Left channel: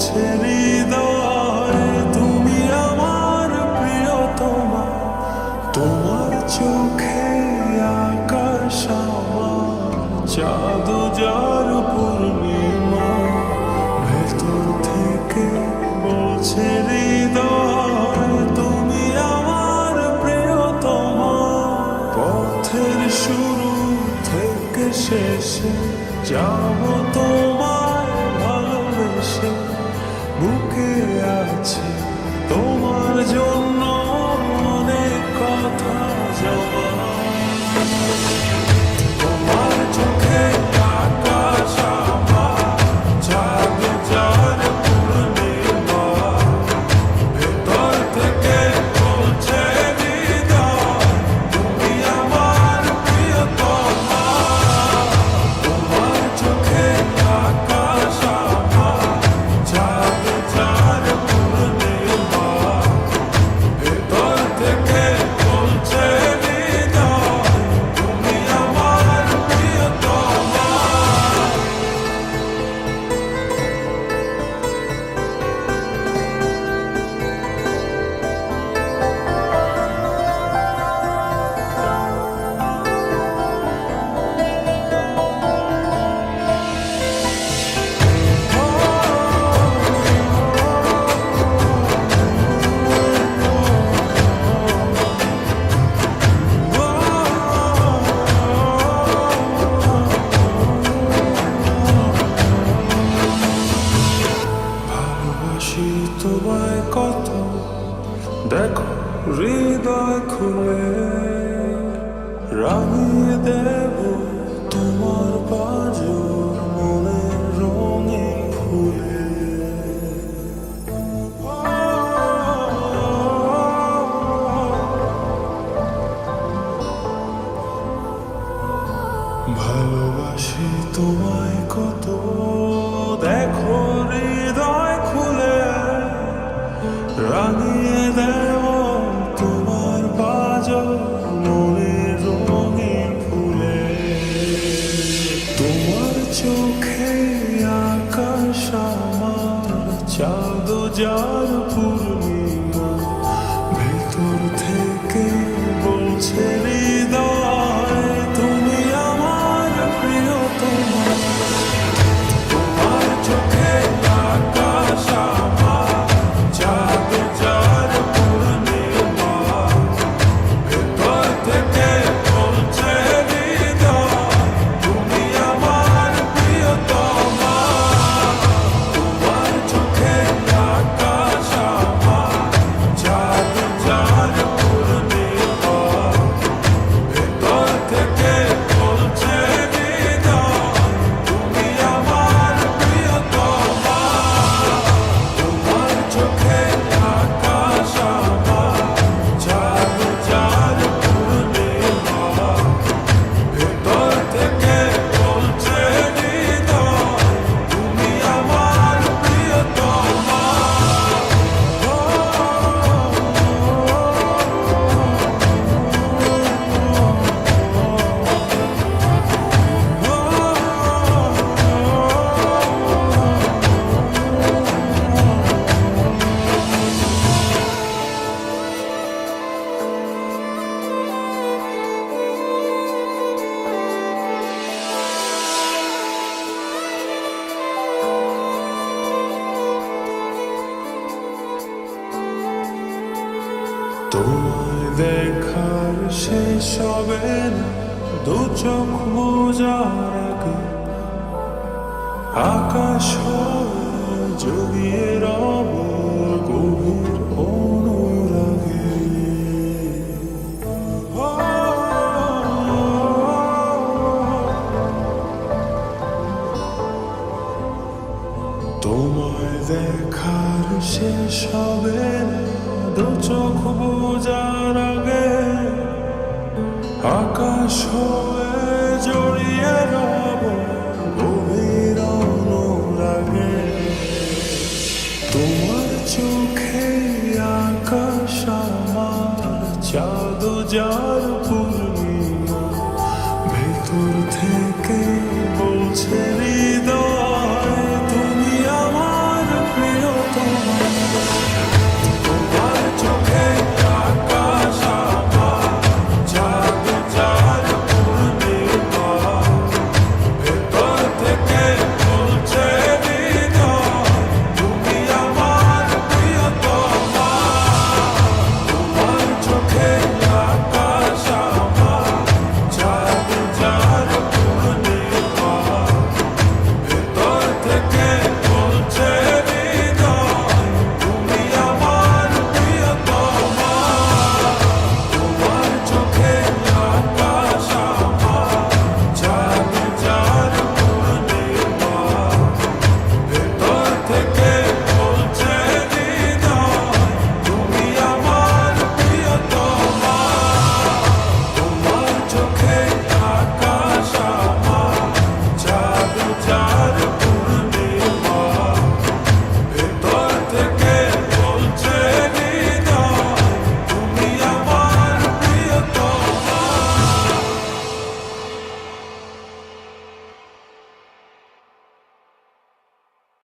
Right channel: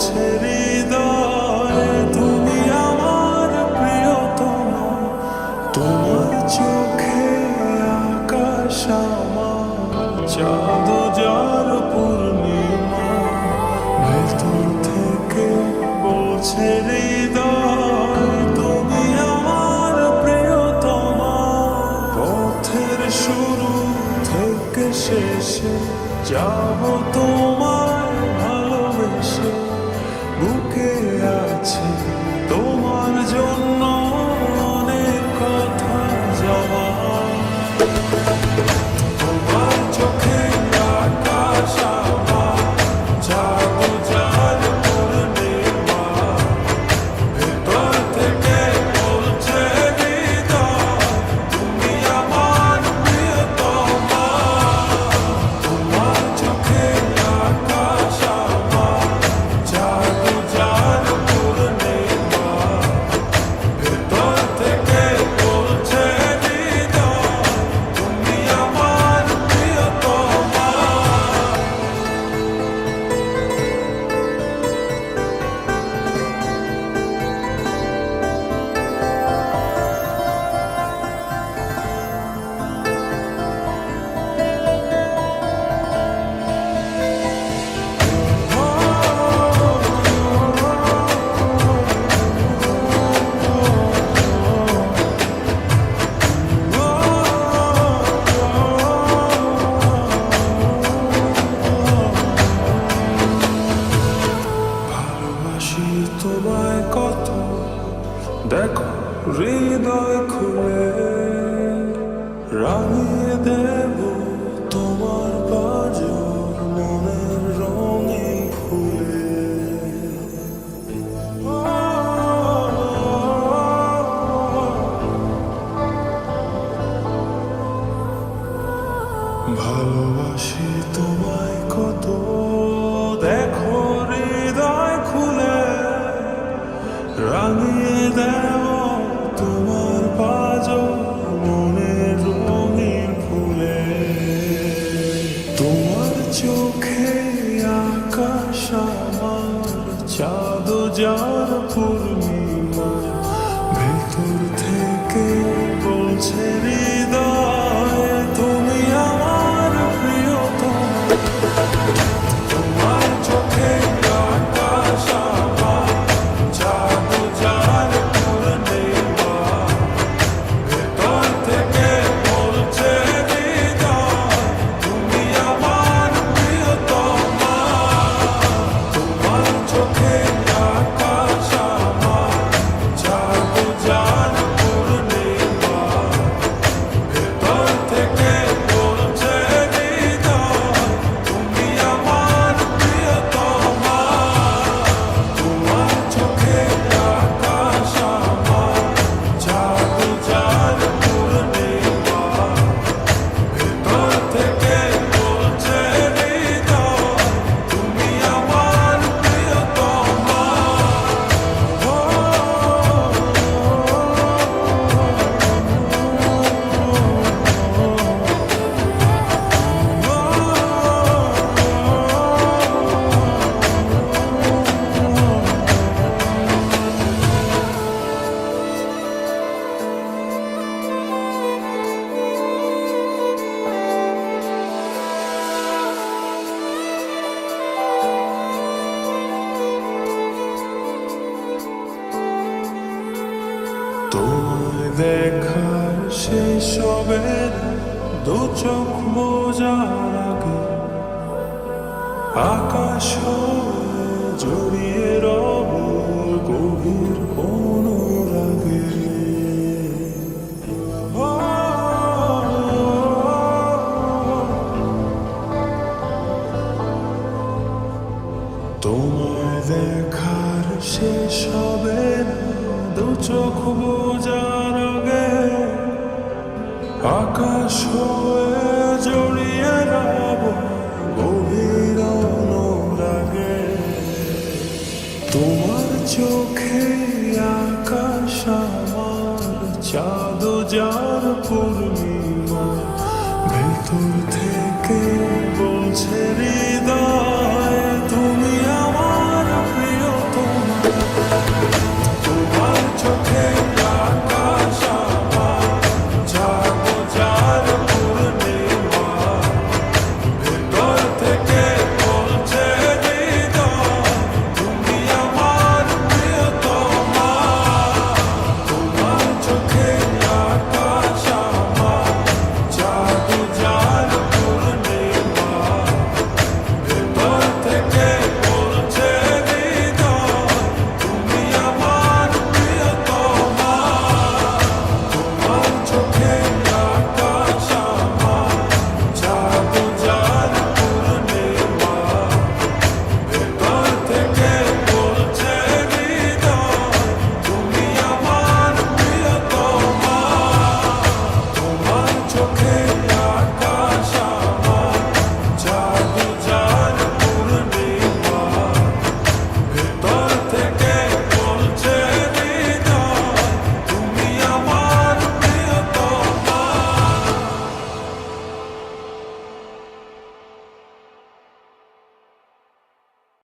বলছে হৃদয় তুমি আমার প্রিয়তমা। তোমার চোখে আকাশ আমার, চাঁদ যার পূর্ণিমা। ভেতর থেকে বলছে হৃদয় তুমি আমার প্রিয়তমা। পথের শুরু থেকে শেষে যাব তোমায় ভালোবেসে। বুকে আছে তোমার জন্য অনেক কথা জমা। তোমার চোখে আকাশ আমার, চাঁদ যার পূর্ণিমা। ভেতর থেকে বলছে হৃদয় তুমি আমার প্রিয়তমা। তোমার চোখে আকাশ আমার, চাঁদ যার পূর্ণিমা। ভেতর থেকে বলছে হৃদয় তুমি আমার প্রিয়তমা। ভালোবাসি তোমায় কত, দেখো হৃদয় খুলে। রাঙিয়ে দেব তোমার পাঁজর মনের রঙে ফুলে। ভালোবাসি তোমায় কত, দেখো হৃদয় খুলে। রাঙিয়ে দেব তোমার পাঁজর মনের রঙিন ফুলে। তোমার চোখে আকাশ আমার, চাঁদ যার পূর্ণিমা। ভেতর থেকে বলছে হৃদয় তুমি আমার প্রিয়তমা। তোমার চোখে আকাশ আমার, চাঁদ যার পূর্ণিমা। ভেতর থেকে বলছে হৃদয় তুমি আমার প্রিয়তমা। তোমার চোখে আকাশ আমার, চাঁদ যার পূর্ণিমা। ভেতর থেকে বলছে হৃদয় তুমি আমার প্রিয়তমা। তোমার চোখে আকাশ আমার, চাঁদ যার পূর্ণিমা। ভেতর থেকে বলছে হৃদয় তুমি আমার প্রিয়তমা। তোমায় দেখার শেষ হবে না দু চোখ বোঝার আগে। আকাশ হয়ে জড়িয়ে রব গভীর অনুরাগে। তোমায় দেখার শেষ হবে না দু চোখ বোঝার আগে। আকাশ হয়ে জড়িয়ে রব গভীর অনুরাগে। তোমার চোখে আকাশ আমার, চাঁদ যার পূর্ণিমা। ভেতর থেকে বলছে